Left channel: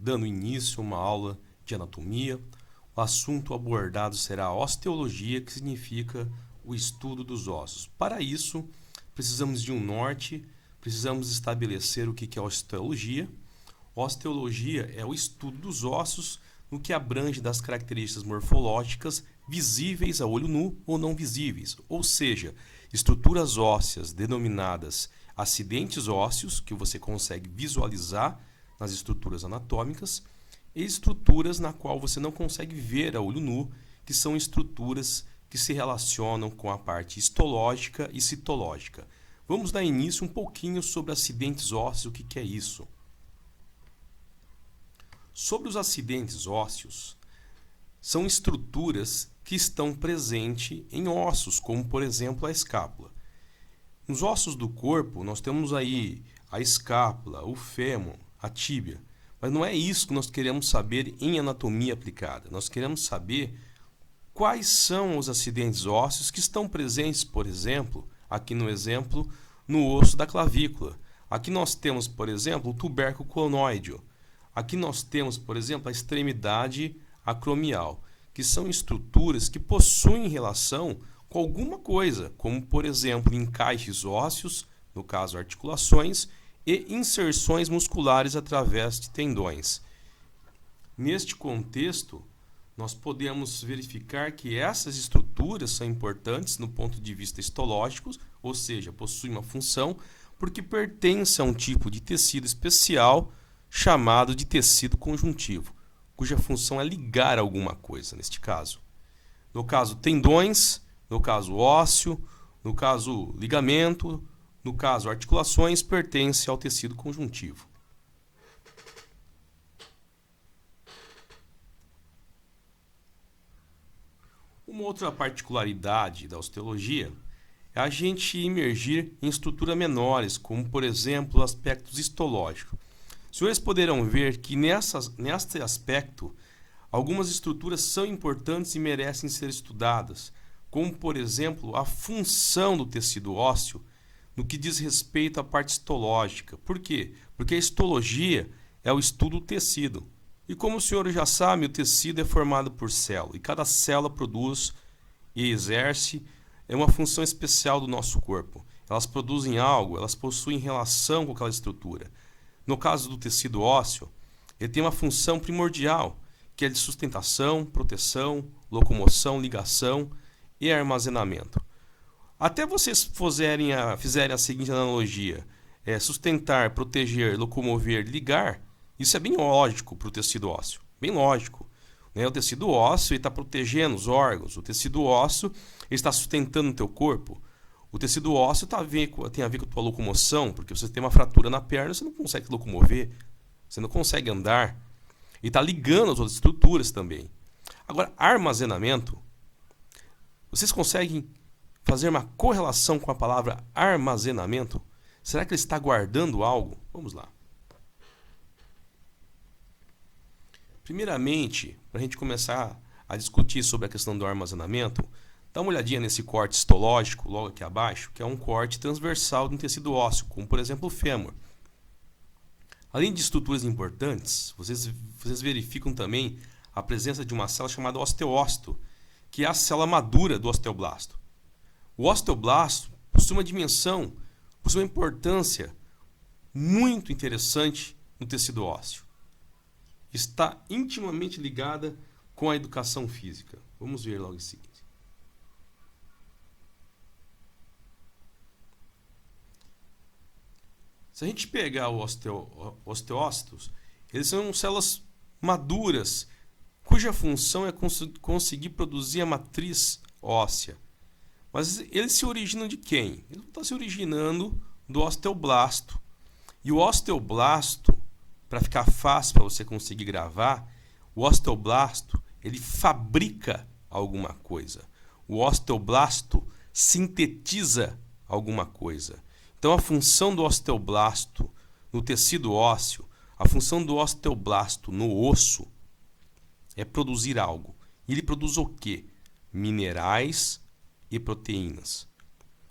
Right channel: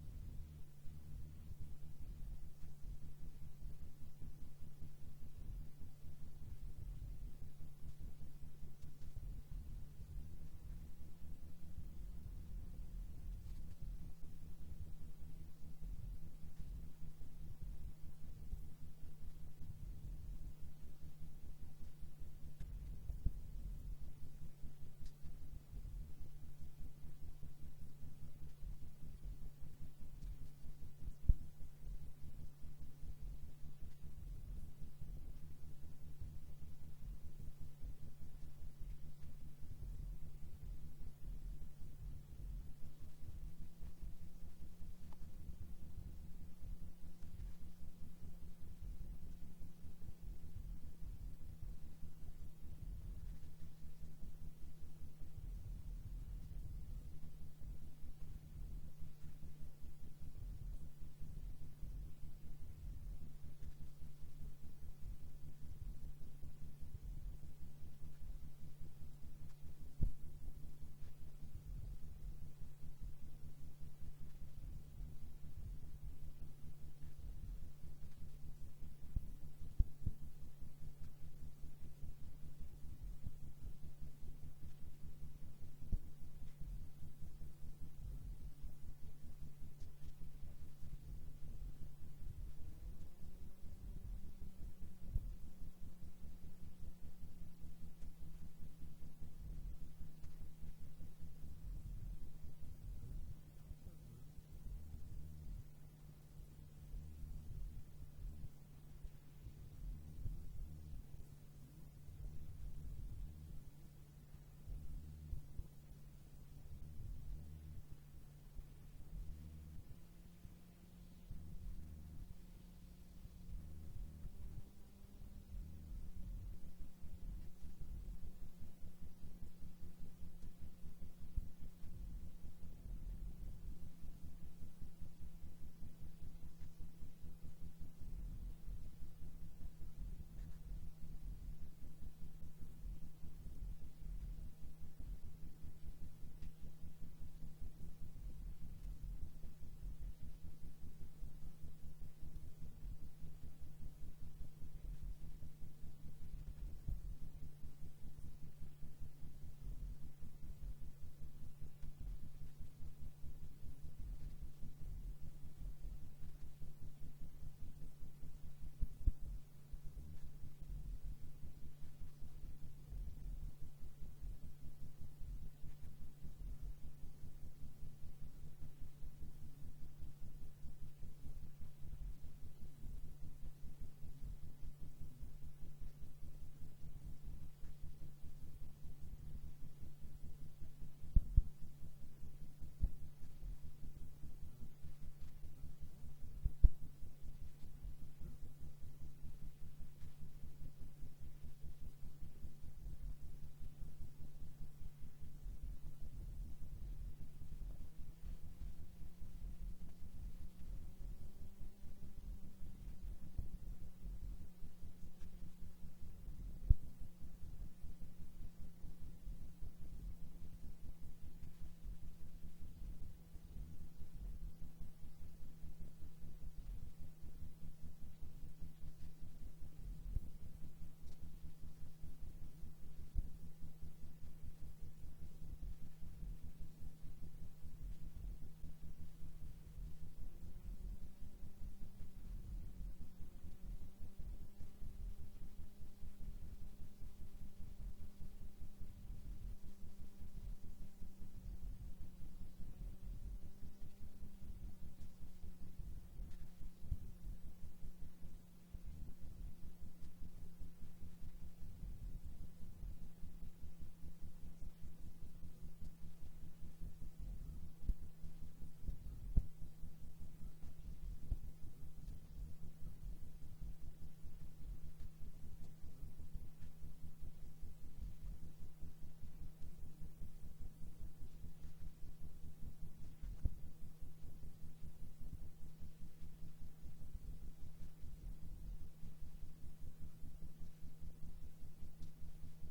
dando início a uma aula de anatomia. O assunto abordado será a osteologia, que significa o estudo dos ossos. Para isso, precisamos de um norte, precisamos estabelecer o que é osteologia. Osteologia é o estudo dos ossos no que abrange das características morfológicas visíveis a olho nu ou não visíveis, ou seja, estruturas ósseas denominadas acidentes ósseos, que você consegue visualizar nas estruturas anatômicas, e estruturas na qual você não consegue ver a olho nu, que são estruturas que se relacionam com a parte histológica e citológica. Vamos dar início um pouquinho sobre acidentes ósseos, o que é isso. Sobre os acidentes ósseos, são estruturas que estão presentes em ossos, como por exemplo a escápula. Nos ossos do corpo, nós temos aí a escápula, o fêmur, a tíbia. Mas não é isso que nós queremos saber em anatomia aplicada. Nós queremos saber quais são os acidentes ósseos que estão presentes, por exemplo, aqui no exemplo, no osso da clavícula. Aqui nós temos, por exemplo, o tubérculo clonoideo. Aqui nós temos, por exemplo, a extremidade acromial, que são estruturas que possuem relação com alguma coisa, como, por exemplo, encaixes ósseos, no caso articulações, e inserções musculares através de tendões. Neste contexto, nós podemos verificar que essas estruturas são importantes no ponto de vista histológico, ou seja, possuem uma função, porque pertencem a um tipo de tecido especial chamado de tecido conjuntivo, cuja função é ligar alguma coisa, neste caso. No caso, tendões, no caso, ósseo, no caso, ligamento, no caso, articulações, pertencem ao tecido conjuntivo. Uma outra particularidade da osteologia é a gente imergir em estruturas menores, como, por exemplo, aspectos histológicos. Os senhores poderão ver que neste aspecto, algumas estruturas são importantes e merecem ser estudadas, como, por exemplo, a função do tecido ósseo no que diz respeito à parte histológica. Por quê? Porque a histologia é o estudo do tecido. E como os senhores já sabem, o tecido é formado por célula, e cada célula produz e exerce uma função especial do nosso corpo. Elas produzem algo, elas possuem relação com aquela estrutura. No caso do tecido ósseo, ele tem uma função primordial, que é de sustentação, proteção, locomoção, ligação e armazenamento. Até vocês fizerem a seguinte analogia, sustentar, proteger, locomover, ligar, isso é bem lógico para o tecido ósseo, bem lógico. Né? O tecido ósseo está protegendo os órgãos, o tecido ósseo está sustentando o teu corpo. O tecido ósseo tem a ver com a tua locomoção, porque você tem uma fratura na perna, você não consegue se locomover, você não consegue andar, e está ligando as outras estruturas também. Agora, armazenamento, vocês conseguem fazer uma correlação com a palavra armazenamento? Será que ele está guardando algo? Vamos lá. Primeiramente, para a gente começar a discutir sobre a questão do armazenamento, dá uma olhadinha nesse corte histológico, logo aqui abaixo, que é um corte transversal de um tecido ósseo, como por exemplo o fêmur. Além de estruturas importantes, vocês verificam também a presença de uma célula chamada osteócito, que é a célula madura do osteoblasto. O osteoblasto possui uma dimensão, possui uma importância muito interessante no tecido ósseo. Está intimamente ligada com a educação física. Vamos ver logo em seguida. Se a gente pegar os osteócitos, eles são células maduras, cuja função é conseguir produzir a matriz óssea. Mas eles se originam de quem? Eles estão se originando do osteoblasto. E o osteoblasto, para ficar fácil para você conseguir gravar, o osteoblasto ele fabrica alguma coisa. O osteoblasto sintetiza alguma coisa. Então, a função do osteoblasto no tecido ósseo, a função do osteoblasto no osso é produzir algo. E ele produz o quê? Minerais e proteínas.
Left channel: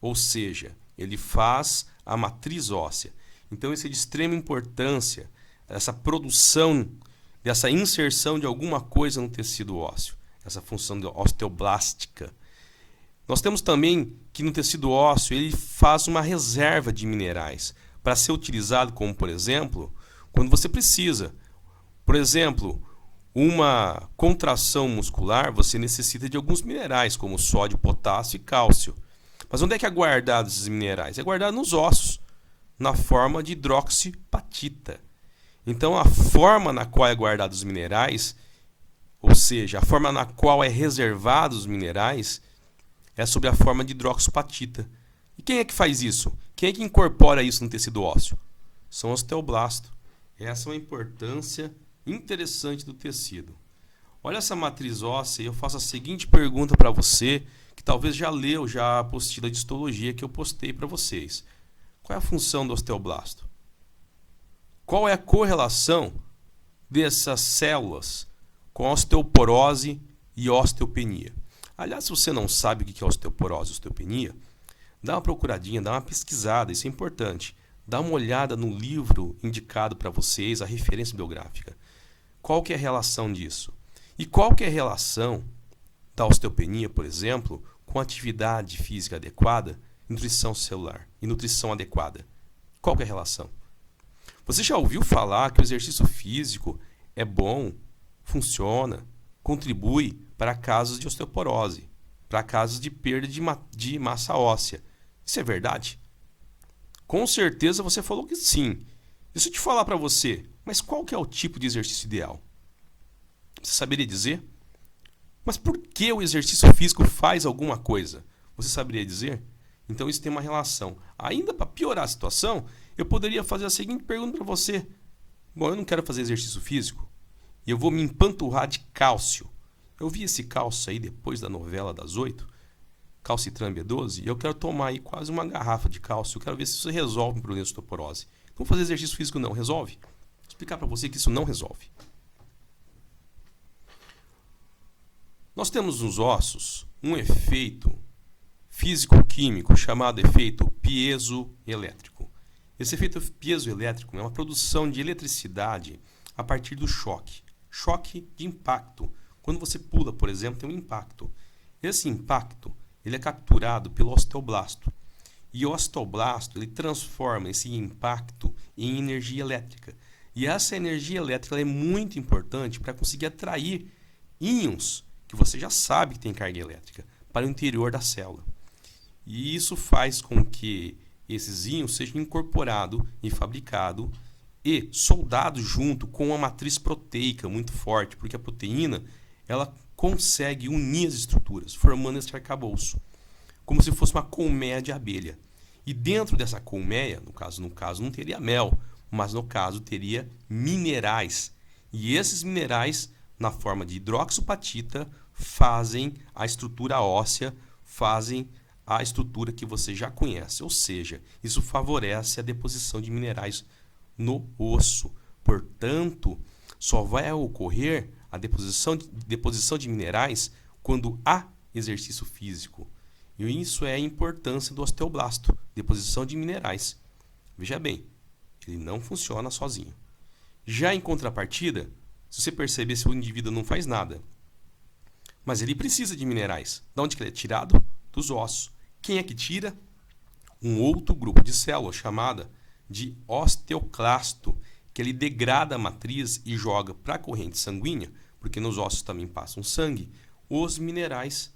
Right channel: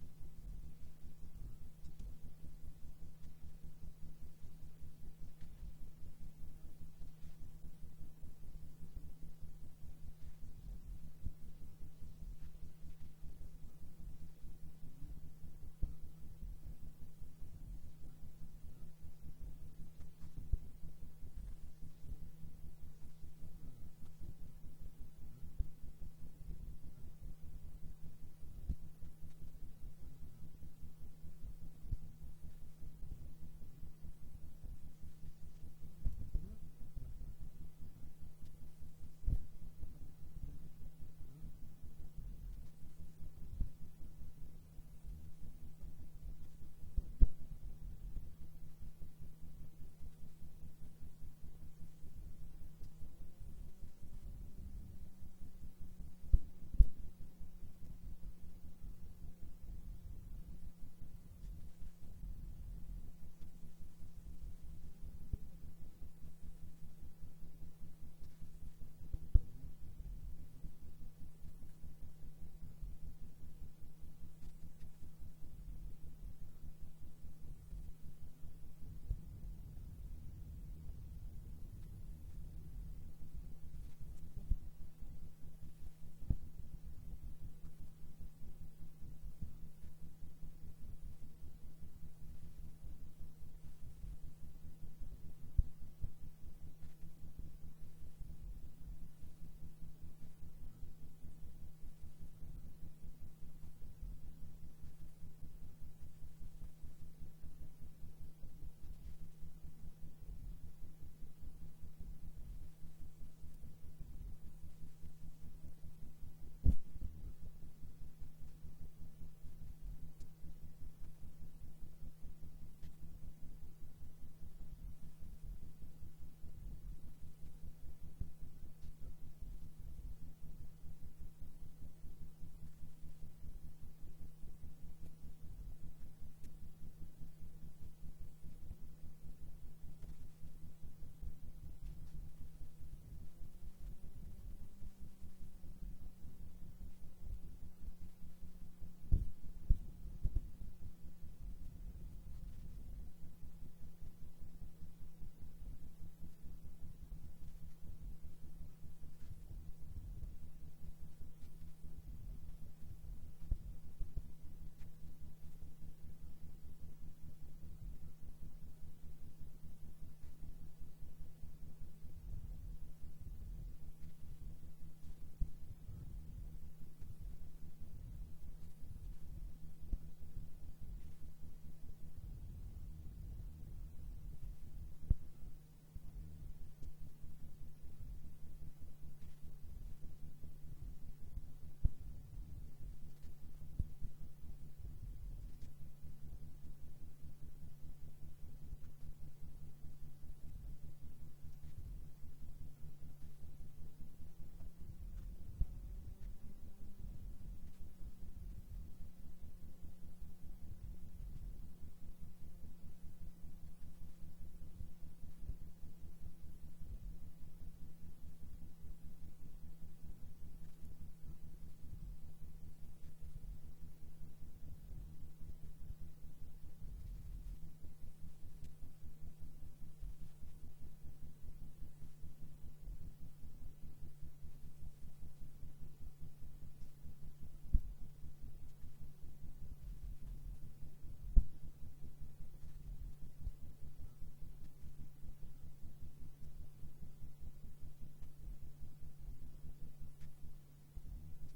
Ou seja, ele faz a matriz óssea. Então, isso é de extrema importância, essa produção dessa inserção de alguma coisa no tecido ósseo, essa função osteoblástica. Nós temos também que no tecido ósseo ele faz uma reserva de minerais para ser utilizado como, por exemplo, quando você precisa. Por exemplo, uma contração muscular, você necessita de alguns minerais, como sódio, potássio e cálcio. Mas onde é que é guardado esses minerais? É guardado nos ossos, na forma de hidroxiapatita. Então, a forma na qual é guardado os minerais, ou seja, a forma na qual é reservado os minerais, é sob a forma de hidroxiapatita. E quem é que faz isso? Quem é que incorpora isso no tecido ósseo? São os osteoblastos. Essa é uma importância interessante do tecido. Olha essa matriz óssea e eu faço a seguinte pergunta para você, que talvez já leu a apostila de histologia que eu postei para vocês. Qual é a função do osteoblasto? Qual é a correlação dessas células com a osteoporose e osteopenia? Aliás, se você não sabe o que é osteoporose e osteopenia, dá uma procuradinha, dá uma pesquisada, isso é importante. Dá uma olhada no livro indicado para vocês, a referência bibliográfica. Qual que é a relação disso? E qual que é a relação da osteopenia, por exemplo, com atividade física adequada, nutrição celular e nutrição adequada? Qual que é a relação? Você já ouviu falar que o exercício físico é bom, funciona, contribui para casos de osteoporose, para casos de perda de massa óssea? Isso é verdade? Com certeza você falou que sim. E se eu te falar para você, mas qual que é o tipo de exercício ideal? Você saberia dizer? Mas por que o exercício físico faz alguma coisa? Você saberia dizer? Então isso tem uma relação. Ainda para piorar a situação, eu poderia fazer a seguinte pergunta para você. Bom, eu não quero fazer exercício físico e eu vou me empanturrar de cálcio. Eu vi esse cálcio aí depois da novela das 8, Calcitran B12, e eu quero tomar aí quase uma garrafa de cálcio. Eu quero ver se isso resolve um problema de osteoporose. Não fazer exercício físico não, resolve? Vou explicar para você que isso não resolve. Nós temos nos ossos um efeito físico-químico chamado efeito piezoelétrico. Esse efeito piezoelétrico é uma produção de eletricidade a partir do choque. Choque de impacto. Quando você pula, por exemplo, tem um impacto. Esse impacto ele é capturado pelo osteoblasto. E o osteoblasto ele transforma esse impacto em energia elétrica. E essa energia elétrica ela é muito importante para conseguir atrair íons, que você já sabe que tem carga elétrica, para o interior da célula. E isso faz com que esses íons sejam incorporados e fabricados e soldados junto com uma matriz proteica muito forte, porque a proteína ela consegue unir as estruturas, formando esse arcabouço, como se fosse uma colmeia de abelha. E dentro dessa colmeia, no caso não teria mel, mas no caso teria minerais. E esses minerais, na forma de hidroxiapatita, fazem a estrutura óssea, fazem a estrutura que você já conhece. Ou seja, isso favorece a deposição de minerais no osso. Portanto, só vai ocorrer a deposição de minerais quando há exercício físico. E isso é a importância do osteoblasto, deposição de minerais. Veja bem, ele não funciona sozinho. Já em contrapartida, se você perceber, se o indivíduo não faz nada, mas ele precisa de minerais. De onde que ele é tirado? Dos ossos. Quem é que tira? Um outro grupo de células chamada de osteoclasto, que ele degrada a matriz e joga para a corrente sanguínea, porque nos ossos também passam sangue, os minerais,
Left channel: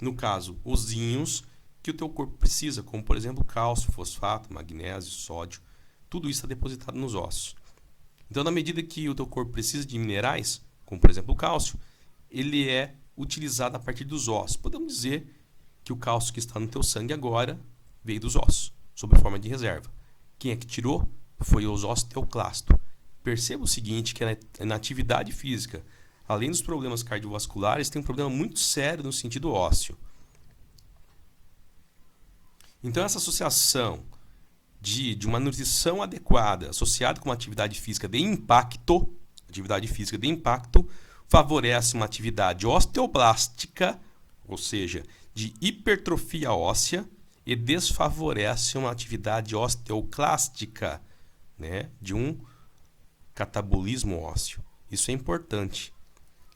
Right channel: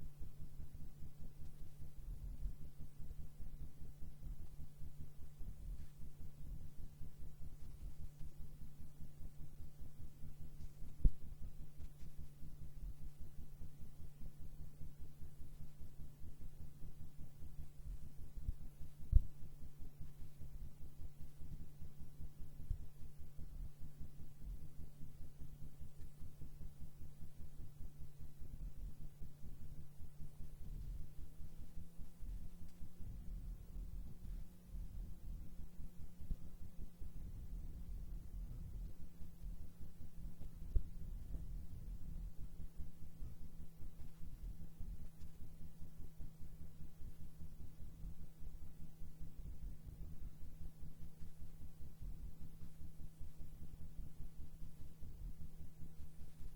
no caso, os íons que o teu corpo precisa, como por exemplo cálcio, fosfato, magnésio, sódio, tudo isso está depositado nos ossos. Então, na medida que o teu corpo precisa de minerais, como por exemplo o cálcio, ele é utilizado a partir dos ossos. Podemos dizer que o cálcio que está no teu sangue agora veio dos ossos, sob forma de reserva. Quem é que tirou? Foi os osteoclastos. Perceba o seguinte, que na atividade física, além dos problemas cardiovasculares, tem um problema muito sério no sentido ósseo. Então, essa associação de uma nutrição adequada associada com uma atividade física de impacto, favorece uma atividade osteoblástica, ou seja, de hipertrofia óssea, e desfavorece uma atividade osteoclástica, né, de um catabolismo ósseo. Isso é importante.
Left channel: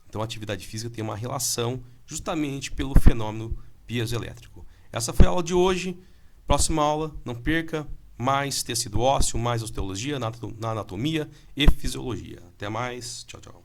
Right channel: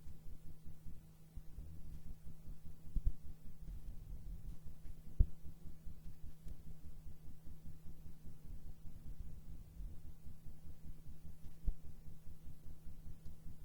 Então, a atividade física tem uma relação justamente pelo fenômeno piezoelétrico. Essa foi a aula de hoje. Próxima aula, não perca, mais tecido ósseo, mais osteologia na anatomia e fisiologia. Até mais. Tchau, tchau.